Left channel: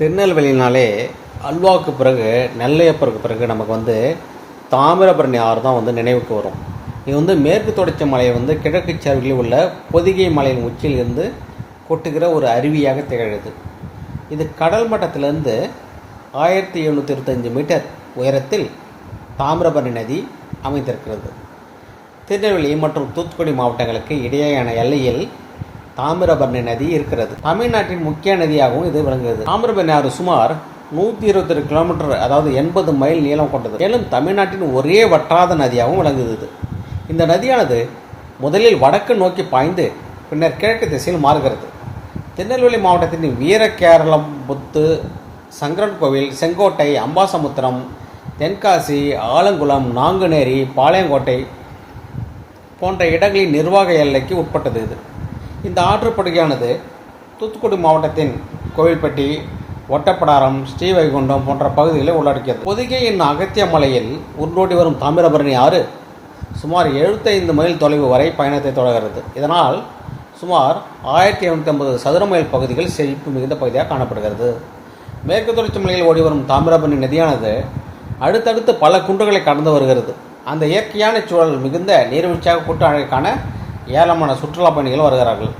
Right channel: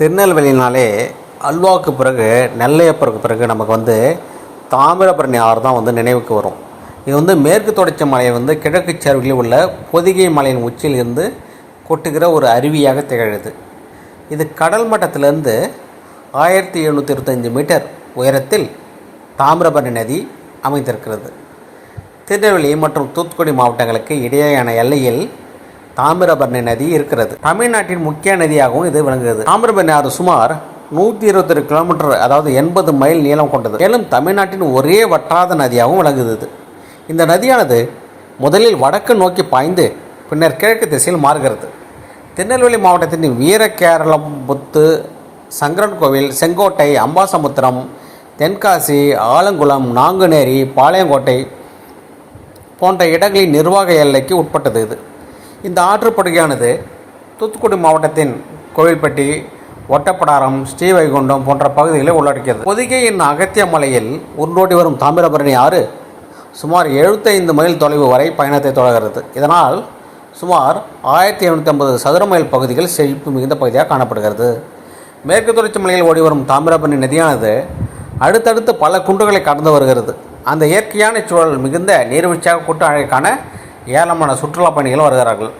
திருநெல்வேலினாலே அல்வாவுக்கு பிறகு நெல்லையப்பருக்கு பிறகு நமக்கு வந்து தாமிரபரணி ஆறு தான் வந்து நினைவுக்கு வரும். இது வந்து மேற்கு தொடர்ச்சி மலையை வந்து கிழக்கு சரிவில் உள்ள பொதிகை மலையின் உச்சியிலிருந்து கொட்டுகிற ஒரு அருவியாக திகழுது. இது கடல் மட்டத்திலிருந்து ஆயிரத்தி எழுநூற்றி இருபத்தஞ்சி மீட்டர் உயரத்தில் தாமிரபரணி நதி அமைந்திருக்கிறது. திருநெல்வேலி மற்றும் தூத்துக்குடி மாவட்டங்களுக்கு இடையேயான எல்லையில் தாமிரபரணி நதி இருக்கிறது. தமிழ்நாட்டின் முக்கிய நதியாகவும் இது விளங்குகிறது. தாமிரபரணி ஆறு சுமார் நூற்றி இருபத்தெட்டு கிலோமீட்டர் அதாவது எண்பது மைல் நீளம் கொண்டது. மேலும் தமிழ்நாட்டின் ஒரே வற்றாத நதியாகவும் விளங்குகிறது. இந்த நதியானது முதலில் வடக்கு நோக்கி பாய்ந்து பின்னர் கிழக்கு திசையில் மாறுகிறது. திருநெல்வேலி மாவட்டத்தின் வீரகேரளம் புத்து சங்கரன் கோவில் செங்கோட்டை அம்பாசமுத்திரம் தென்காசி ஆலங்குளம் நாங்குநேரி பாளையங்கோட்டை போன்ற இடங்களின் நிர்வாக எல்லைக்கு உட்பட்டது இது. இந்த ஆற்றுப்படுகையானது தூத்துக்குடி மாவட்டத்தின் கோவில்பட்டி ஒட்டப்படாரம் ஸ்ரீவைகுண்டம் போன்ற பகுதிகளை உள்ளடக்கியது. பொதிகையின் அகத்திய மலையில் உருண்டோடி வரும் தாமிரபரணி ஆறு சுமார் 75 மைல் தொலைவு வரை பயணத்தை தொடர்கிறது. இதனால் சுமார் ஆயிரத்தி எழுநூற்றி ஐம்பது சதுர மைல் பகுதிகள் செழிப்பு மிகுந்த பகுதியாக காணப்படுகிறது. மேற்கு தொடர்ச்சி மலையில் ஓடி வரும் தாமிரபரணி நதியானது அடுத்தடுத்து பல குன்றுகளை கடந்து வருகிறது. அந்த இயற்கையான சூழல் மிகுந்த நீர்வீழ்ச்சியாக கூட்ட அழகை ஏராளமான சுற்றுலா பயணிகள் வருகிறார்கள்.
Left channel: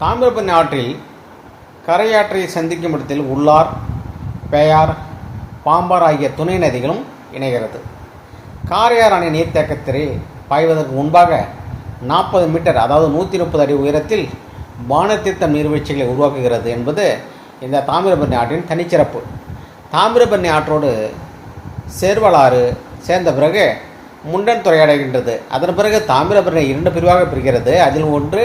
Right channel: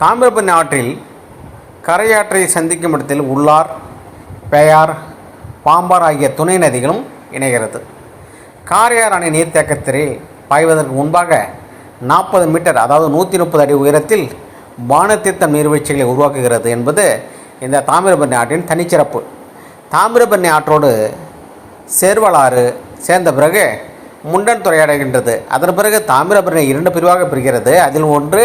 தாமிரபரணி ஆற்றில் கரையாற்றை சந்திக்கும் இடத்தில் உள்ளார் பேயார் பாம்பார் ஆகிய துணை நதிகளும் இணைகிறது. காரையார் அணை நீர்த்தேக்கத்தில் பாய்வதற்கு முன்பாக நாற்பது மீட்டர் அதாவது நூற்றி முப்பது அடி உயரத்தில் வானத்தீர்த்தம் நீர்வீழ்ச்சிகளை உருவாக்குகிறது என்பது இந்த தாமிரபரணி ஆற்றின் தனிச்சிறப்பு. தாமிரபரணி ஆற்றோடு சேர்வலாறு சேர்ந்த பிறகு முண்டன் துறையாடுகின்றது. அதன் பிறகு தாமிரபரணி இரண்டு பிரிவாக பிரிகிறது. அதில் ஒன்று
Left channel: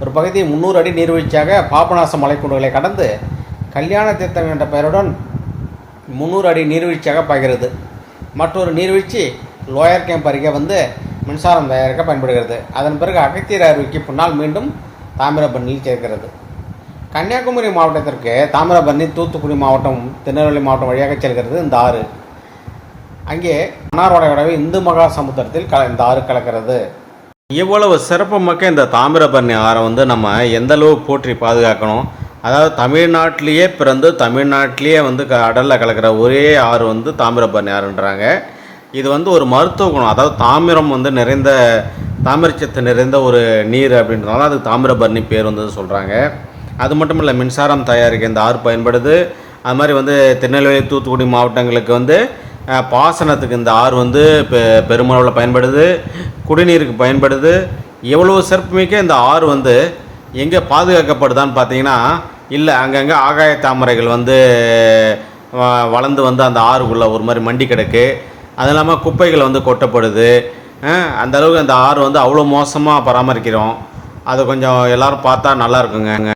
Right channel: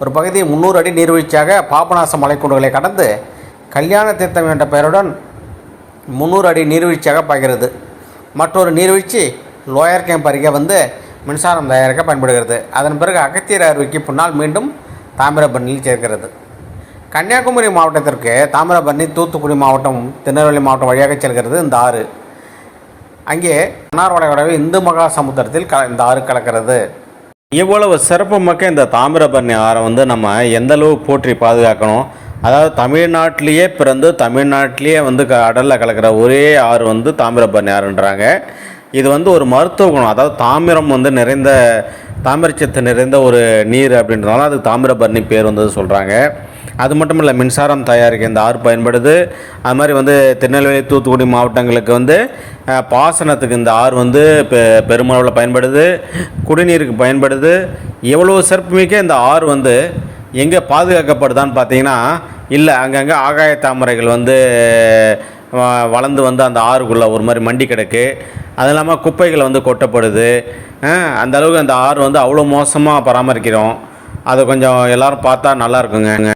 ஒரு பகுதி முந்நூறு அடி நீர்வீழ்ச்சியாக பாபநாச மலைக்குண்டுகளை கடந்து கல்யாண தீர்த்தம் என்ற பெயருடன் முந்நூறு அடி நீர்வீழ்ச்சியாக பாய்கிறது. மற்றொரு நீர்வீழ்ச்சி லோயர் கேம்ப் அருகே வந்து மின்சாரம் தயாரிக்க பயன்படுகிறது. அதன் பிறகு அகத்தியர் அருவிக்கு பின்னால் மீண்டும் தாமிரபரணியில் சேர்க்கிறது கன்னியாகுமரி மாவட்டத்திற்கு தாமிரபரணி தூத்துக்குடி மாவட்டம் திருநெல்வேலி மாவட்டம் வழியாக செல்கிறது இந்த ஆறு. அங்கே மன்னார்வடையோடவே இந்து மகா சமுத்திரத்தில் கல இந்த ஆறு கலக்கிறது. இவ்வளவு சிறப்புமிக்க இந்த தாமிரபரணி ஆறை வந்து நம்ம எந்த அளவு போற்றி பாதுகாக்கணும்? அதாவது தமிழ்நாட்டிலேயே பிறந்து தமிழ்நாட்டிலேயே வந்து கடலில் கலக்கிற ஒரே ஆறு வந்து தாமிரபரணி ஆறுன்றாங்க. இது வந்து ஒரு மருத்துவ குணம். அதாவது தாமிரம் வந்து நிறைந்த தாமிரச்சத்து நிறைந்த ஒரு நீர் அப்படின்றனால அதுக்கு தாமிரபரணி பேர் வந்தது சொல்கிறாங்க அது மட்டும் இல்லை மின்சாரம் தயாரிக்க இந்த ஆறு பயன்படுது. அது மாதிரி வந்து திருநெல்வேலி தூத்துக்குடி மாவட்டங்களுக்கு வந்து பாசனத்துக்கு இந்த ஆறு வந்து பெ பெருமளவில் பயன்படுது. குடிநீருக்கு பயன்படுது. எவ்வளோ சிறப்புமிக்க இந்த ஆறு வந்து எங்கே பாதுகாக்கப்படுதான்னு பார்த்தீங்கன்னா இல்லை அங்கங்கே ஆகாய தாமரைகள் வந்து வ- வளர்ந்து வந்து அந்த ஆறுக்குள்ளே ஒரு மாதிரி மண்டி கிடக்கு. அது இல்லாமல் குப்பைகள் வந்து கொட்டப்படுது. அந்த அளவுக்கு அந்த ஆறு வந்து அவ்வளோ மோசமாக பராமரிக்கிறோம். அதை கொஞ்சம் எல்லோரும் பார்த்தா நல்லா இருக்குங்க